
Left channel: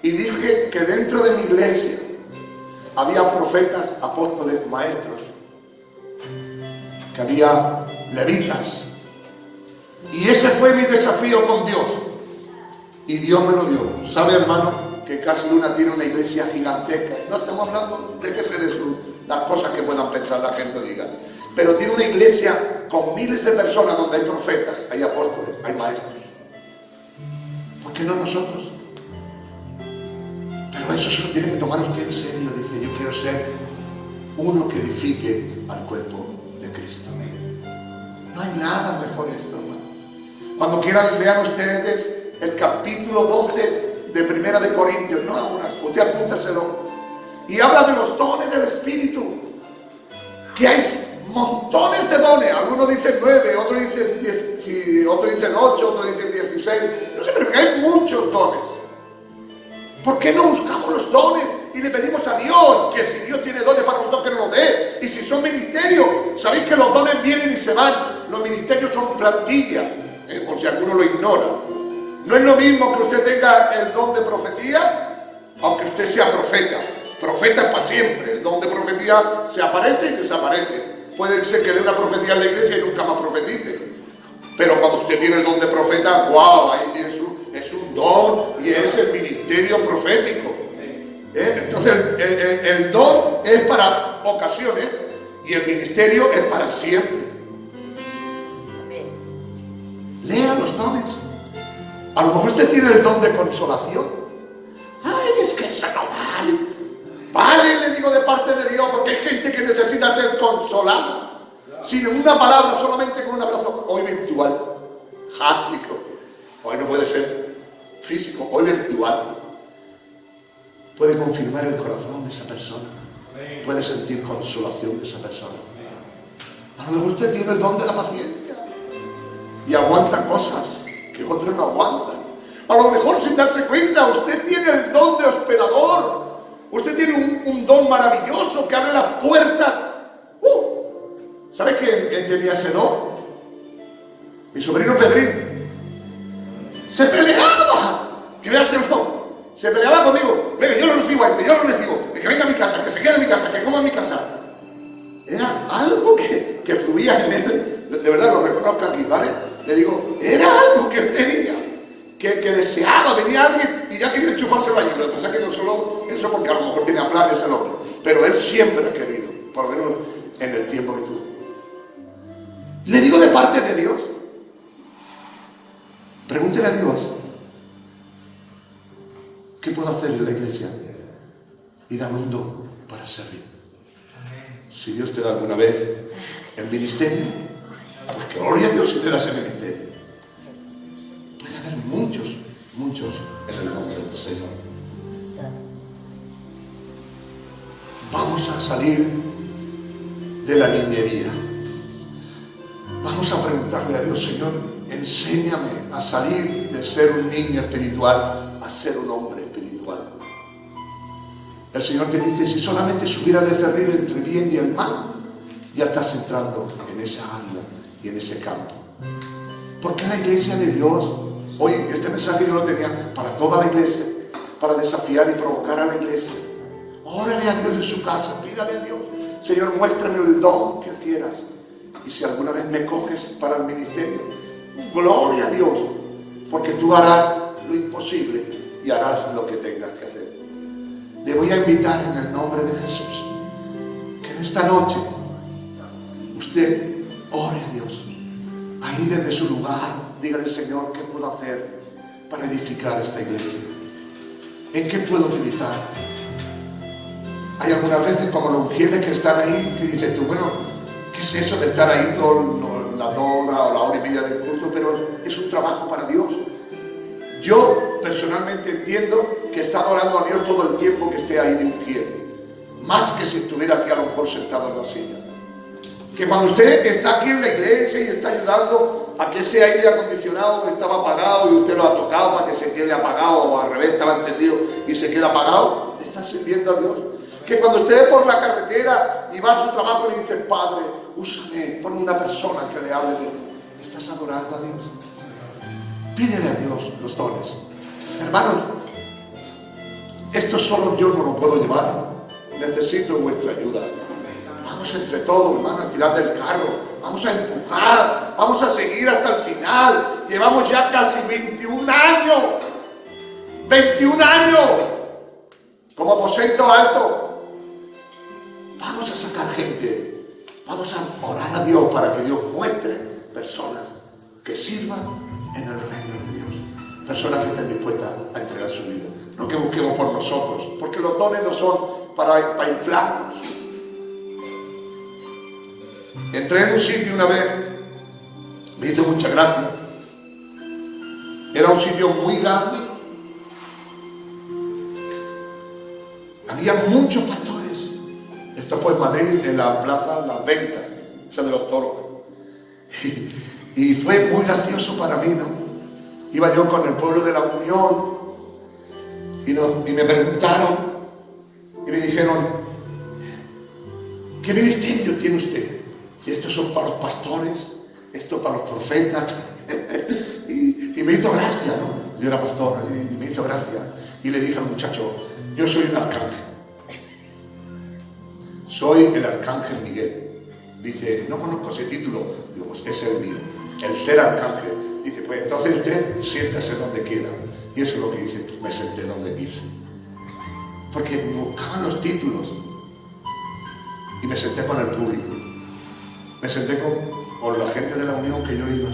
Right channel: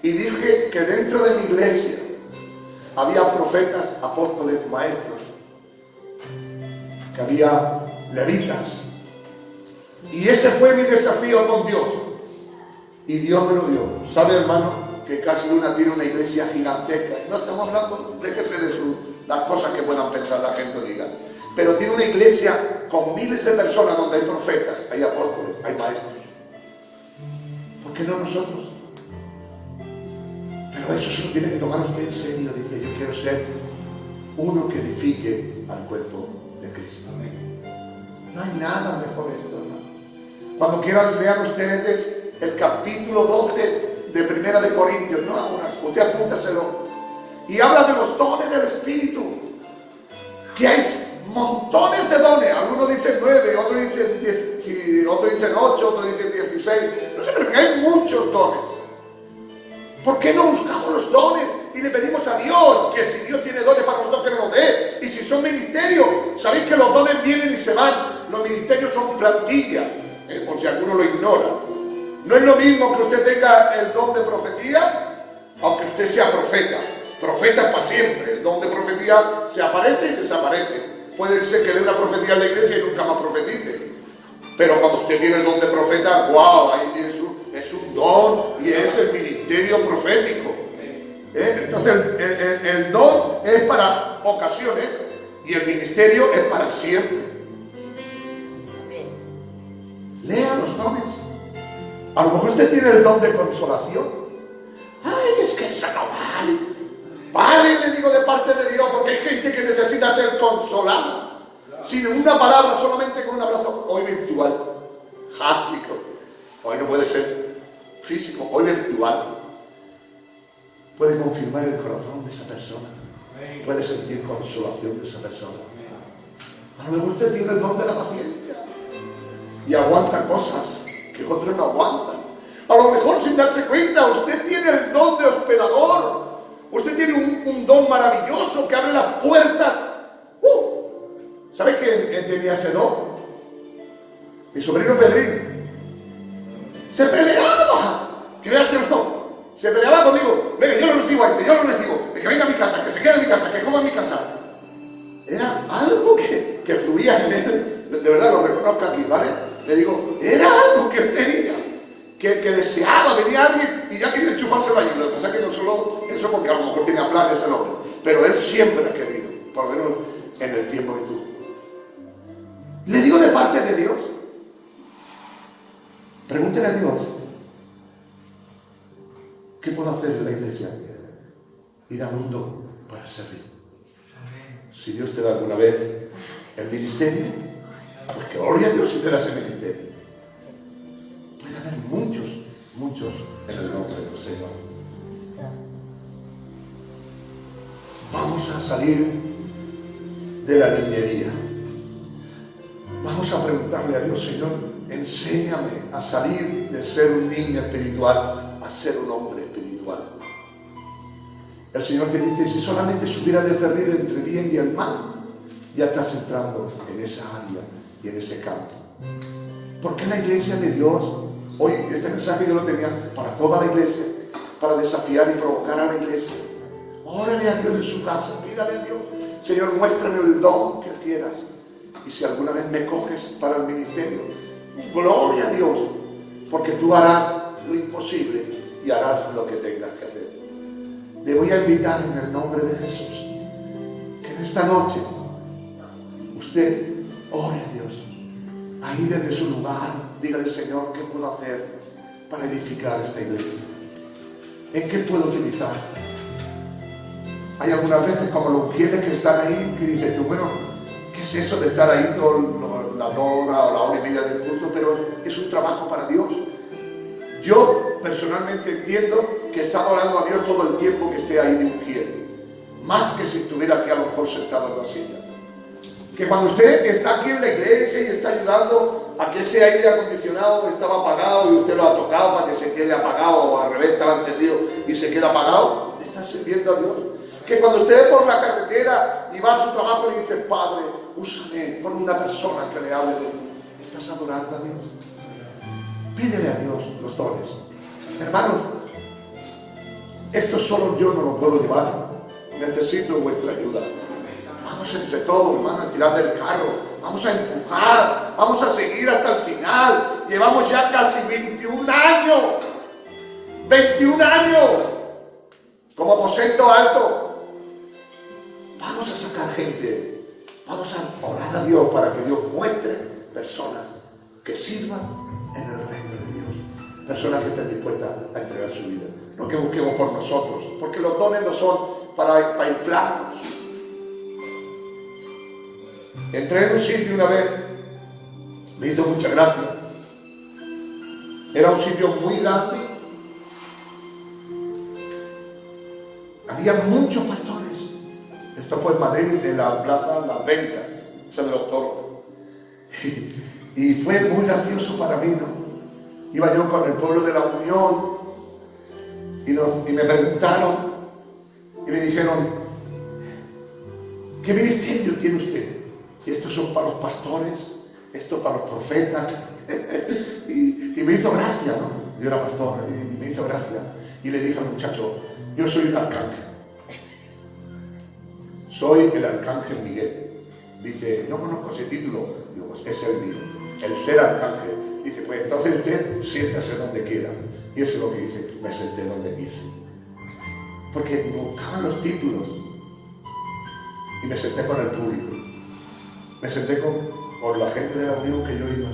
Y dije que dentro de mi iglesia había profetas, apóstoles, maestros, que había levitas. Y ese fue mi desafío con Dios. Y Dios me lo dio. ¿Sabe, hermano, que Cass Luna tiene una iglesia gigantesca? No estamos hablando, déjese de las cosas que puedan pensar la gente o diga. Pero tiene una iglesia con miles de personas donde hay profetas, hay apóstoles, hay maestros. ¿Por qué no nosotros? Pero eso se lo tiene que tomar usted en serio. Dice, yo quiero ser uno que edifique al cuerpo de Cristo. No hay nada mejor esto, hermano. Cuando quieran lean ustedes el capítulo 12 de Primera de Corintios, no ahora, usted apúntaselo, y habla de los dones del Espíritu, que hay montones de dones. Algunos dicen 9, otros dicen 10, otros dicen 8, otros dicen 16. No sé, pero que hay muchos dones. ¿Por qué no buscamos los dones y le pedimos a Dios que si Dios tiene dones para nosotros, que nos los dé? Y si son ministerios, sabéis que los dones vienen y se van. Los ministerios son plantilla, por si alguno lo ignora. No es lo mismo que usted tenga el don de profecía, aunque usted sea profeta. Profeta es para siempre. El don de profecía se aparece y desaparece. Puede ser que dé una profecía en la iglesia y nunca más profetice. Pero cuando usted tiene el don de profeta, ¡wow! Ahí es un don y es el ministerio profético. Entonces el don es para ocasiones y el ministerio es para siempre. Lea los dones. A lo mejor usted tiene el don de consolación. ¡Ay, es que eso no vale! Vale, le digo de parte de Dios, porque hay gente que necesita ser consolada. Sin una palabra, solamente con un abrazo. Hoy virtual, háptico. Hoy no puede ser físico, hoy virtual. Puede confirmar el corazón de esa persona. Puede sentir consolación de esa persona. A lo mejor usted tiene el don de la paciencia y aguanta cosas que otros no aguantan. A lo mejor, sin darse cuenta, usted tiene el don de hospedador. Usted tiene un don maravilloso que abre las puertas. ¿Sabe quién tenía ese don? Mi sobrino Pedrín. Se peleaba. Créaselo. Se peleaba conmigo. Venga, yo lo recibo a este, yo lo recibo. Que venga a mi casa, que se quede en mi casa, que coma en mi casa. Era algo que fluía en él. De verdad lo reconozco aquí, ¿vale? Le digo, era algo que él tenía. Que deseaba, venía alguien y ya quería enchufarse la ayuda. O sea que no solo eso, porque a lo mejor tenía planes el otro. Pero él siempre ha querido, por lo menos en el tiempo que tuvo. Le digo de parte de Dios. Pregúntele a Dios, ¿qué puedo hacer en la iglesia? Y dame un don para servir. Si Dios te da alguna vez el ministerio, pues que gloria a Dios si te da ese ministerio. Puede haber muchos en el nombre del Señor. Vamos a salir de la niñería. Vamos a preguntarle a Dios, Señor, enséñame a salir de ser un niño espiritual a ser un hombre espiritual. El Señor te dice, si solamente supiera discernir entre bien y el mal, ya estás entrando en esa área y en ese campo. Porque la iglesia de Dios, hoy este mensaje yo lo tenía para toda la iglesia, para desafiar y provocar a la iglesia. Órale a Dios en su casa, pídale a Dios, Señor, muéstrame el don que quieras. Y si alguna vez me coges para el ministerio, gloria a Dios, porque tú harás lo imposible y harás lo que tengas que hacer. Le voy a invitar en el nombre de Jesús que en esta noche usted ore a Dios. Ahí desde su lugar, dígale, Señor, ¿qué puedo hacer para edificar esta iglesia? ¿En qué puedo utilizar? Hay algunas veces como los ungieles que están ahí, que dices tú, bueno, ¿qué es eso de estar ahí la hora o la hora y media del culto? Pero es un trabajo para Dios. Yo personalmente entiendo que está adorando a Dios todo el tiempo que esté ahí de ungido, más que si estuviera aquí a lo mejor sentado en la silla. Que cuando usted está aquí en la iglesia y está ayudando a que ese aire acondicionado estaba apagado y usted lo ha tocado para que se quede apagado, o al revés estaba encendido y se queda apagado, le está sirviendo a Dios. Que cuando usted por la carretera y va a su trabajo le dice, Padre, úsame, pon una persona que le hable de ti. ¿Estás adorando a Dios? Pídele a Dios los dones. Hermanos, esto solo yo no lo puedo llevar. Necesito vuestra ayuda. Vamos entre todos, hermanos, a tirar del carro. Vamos a empujar. Vamos a seguir hasta el final. Llevamos ya casi 21 años. 21 años. Como aposento alto. Vamos a sacar gente. Vamos a orar a Dios para que Dios muestre personas que sirvan en el reino de Dios. Personas que estén dispuestas a entregar su vida. No que busquemos por nosotros, porque los dones no son para inflarnos. Entré en un sitio una vez, me hizo mucha gracia. Era un sitio muy grande. Había muchos pastores. Esto fue en Madrid, en la plaza Las Ventas, esa de los toros. Y fue muy gracioso para mí, ¿no? Iba yo con el pueblo de la Unión y me preguntaron y me dijeron: ¿qué ministerio tiene usted? Si estos son para los pastores, esto para los profetas. y me hizo gracia, ¿no? Yo era pastor y me hizo gracia. Y le dije al muchacho: yo soy un arcángel. Soy el arcángel Miguel. Dice: no conozco ese título. Digo: pues ese es el mío, el ser arcángel. Dice: pues entonces usted siéntase donde quiera. Y eso es lo que hice, me senté donde quise. Porque buscaban los títulos. Y me senté con el público. Me senté con la gente de la Unión que yo iba.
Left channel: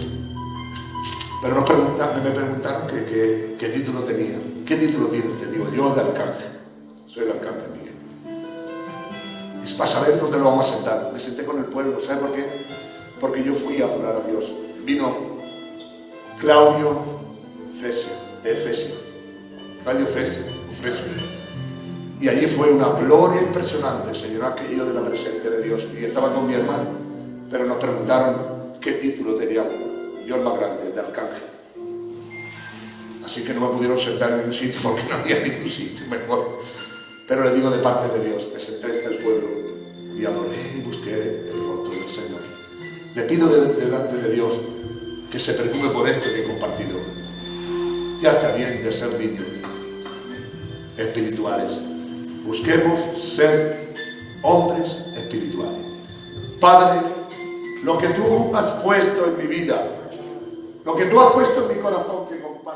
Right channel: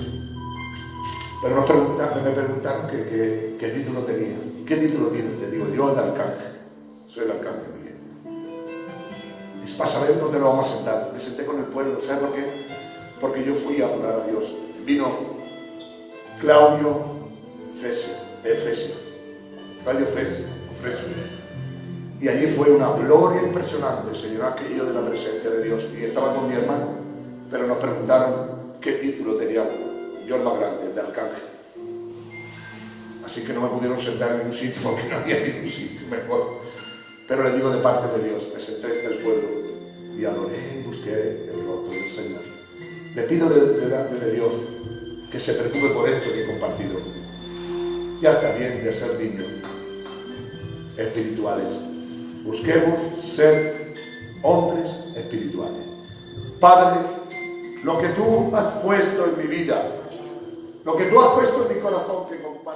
Pero me preguntaron qué título tenía. ¿Qué título tiene usted? Digo: yo de arcángel. Soy el arcángel Miguel. Es para saber dónde lo vamos a sentar. Me senté con el pueblo. ¿Sabe por qué? Porque yo fui a adorar a Dios. Vino Claudio Efesio. Claudio Efesio. Y allí fue una gloria impresionante, Señor, aquello de la presencia de Dios. Y estaba con mi hermano, pero nos preguntaron qué título teníamos. Yo el más grande, el de arcángel. Así que no me pudieron sentar en un sitio porque no había ningún sitio mejor. Pero le digo de parte de Dios, me senté en el pueblo y adoré y busqué el rostro del Señor. Le pido delante de Dios que se preocupe por esto que he compartido. Ya está bien de ser niños espirituales. Busquemos ser hombres espirituales. Padre, lo que tú has puesto en mi vida, lo que tú has puesto en mi corazón que comparto.